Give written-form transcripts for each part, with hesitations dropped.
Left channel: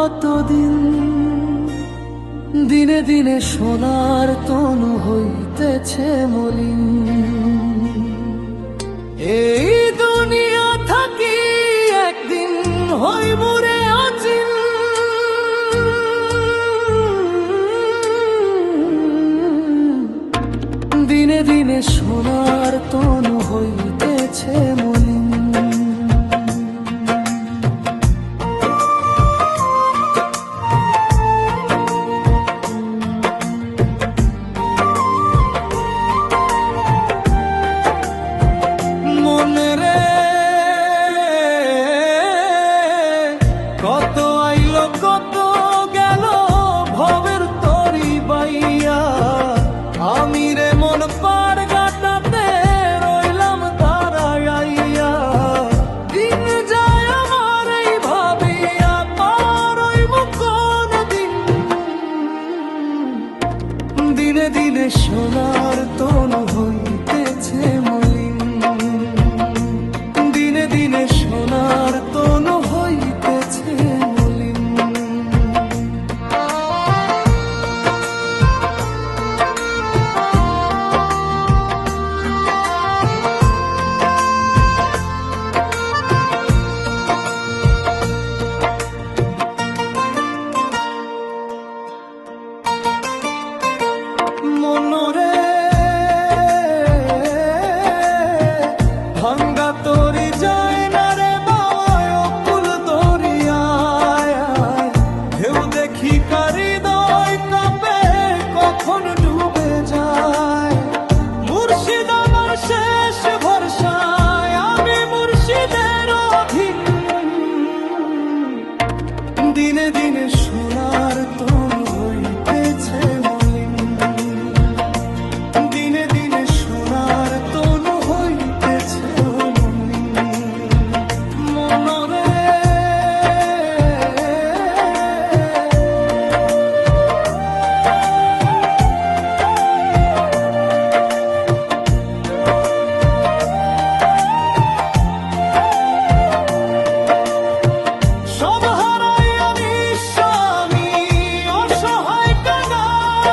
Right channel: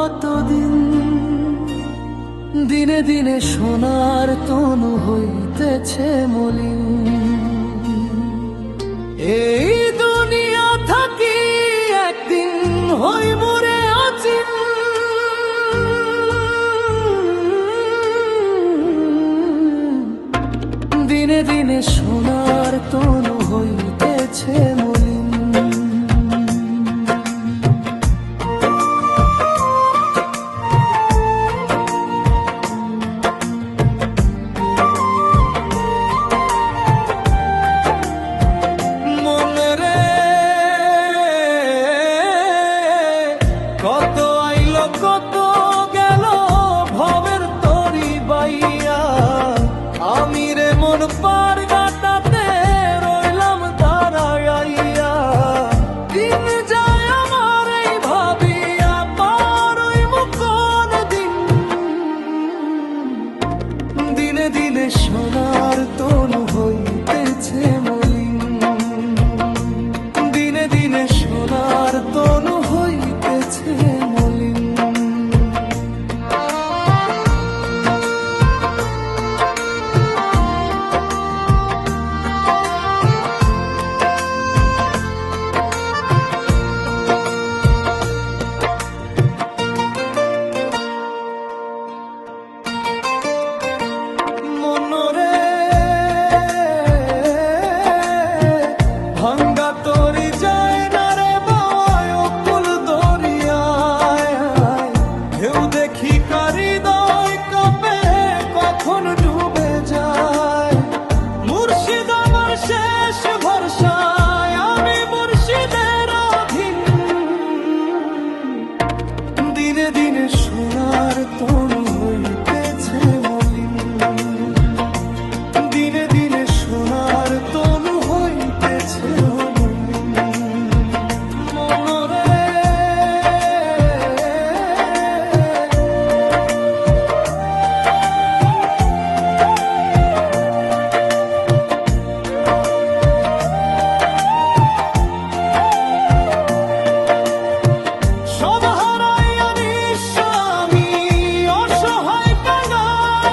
কতদিন, দিনে দিনে সোনার তনু হইতেছে মলিন। এই দুনিয়া থাকি একদিন হইব রে অচিন। দিনে দিনে সোনার তনু হইতেছে মলিন। মনে রে কত আইলো কত গেল ভবের তরি বাইয়া, আমি রে মন পার গাটাতে রইলাম দাঁড়াইয়া। দিন যায় আমার এই ভাবিয়া পার হইব কোন দিন। দিনে দিনে সোনার তনু হইতেছে মলিন। দিনে দিনে সোনার তনু হইতেছে মলিন। মনরে ভাঙ্গা তরি যায় না রে বাওয়ায় অকুল দরিয়ায়। ঢেউ দেখি হৃদয় কাঁপে কখন ডুবে যায়। মুর্শিদ আমার শেষ ভরসায়, আমি মুর্শিদের অধীন। দিনে দিনে সোনার তনু হইতেছে মলিন। দিনে দিনে সোনার তনু হইতেছে মলিন। মনরে সব হারাইয়া নিঃস্ব আমি অসহায় কাঙ্গাল।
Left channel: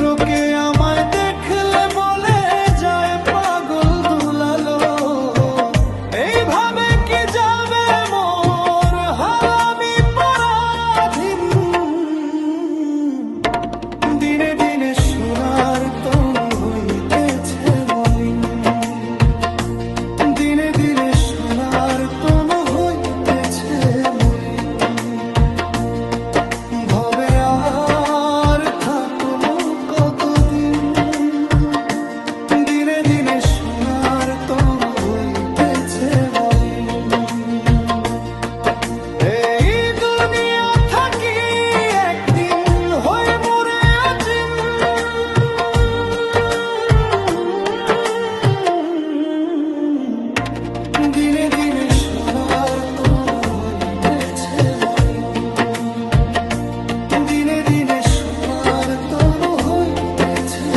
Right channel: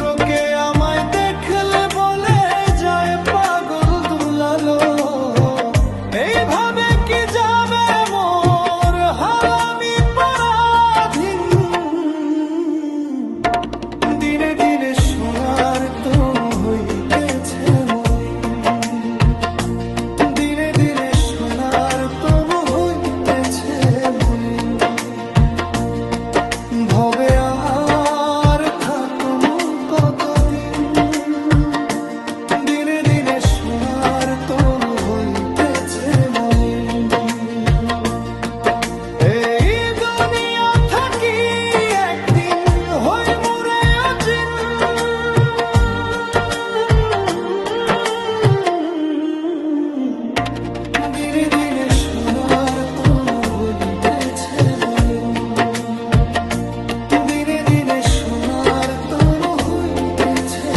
লোকে আমায় দেখলে বলে যায় পাগল দুলালো। এইভাবে কি যাবে মোর হাল আমি পরাধীন। দিনে দিনে সোনার তনু হইতেছে মলিন। দিনে দিনে সোনার তনু হইতেছে মলিন। ভবে আর থাকুমু কতদিন। দিনে দিনে সোনার তনু হইতেছে মলিন। এই দুনিয়া থাকি একদিন হইব রে অচিন। দিনে দিনে সোনার তনু হইতেছে মলিন। দিনে দিনে সোনার তনু হইতেছে।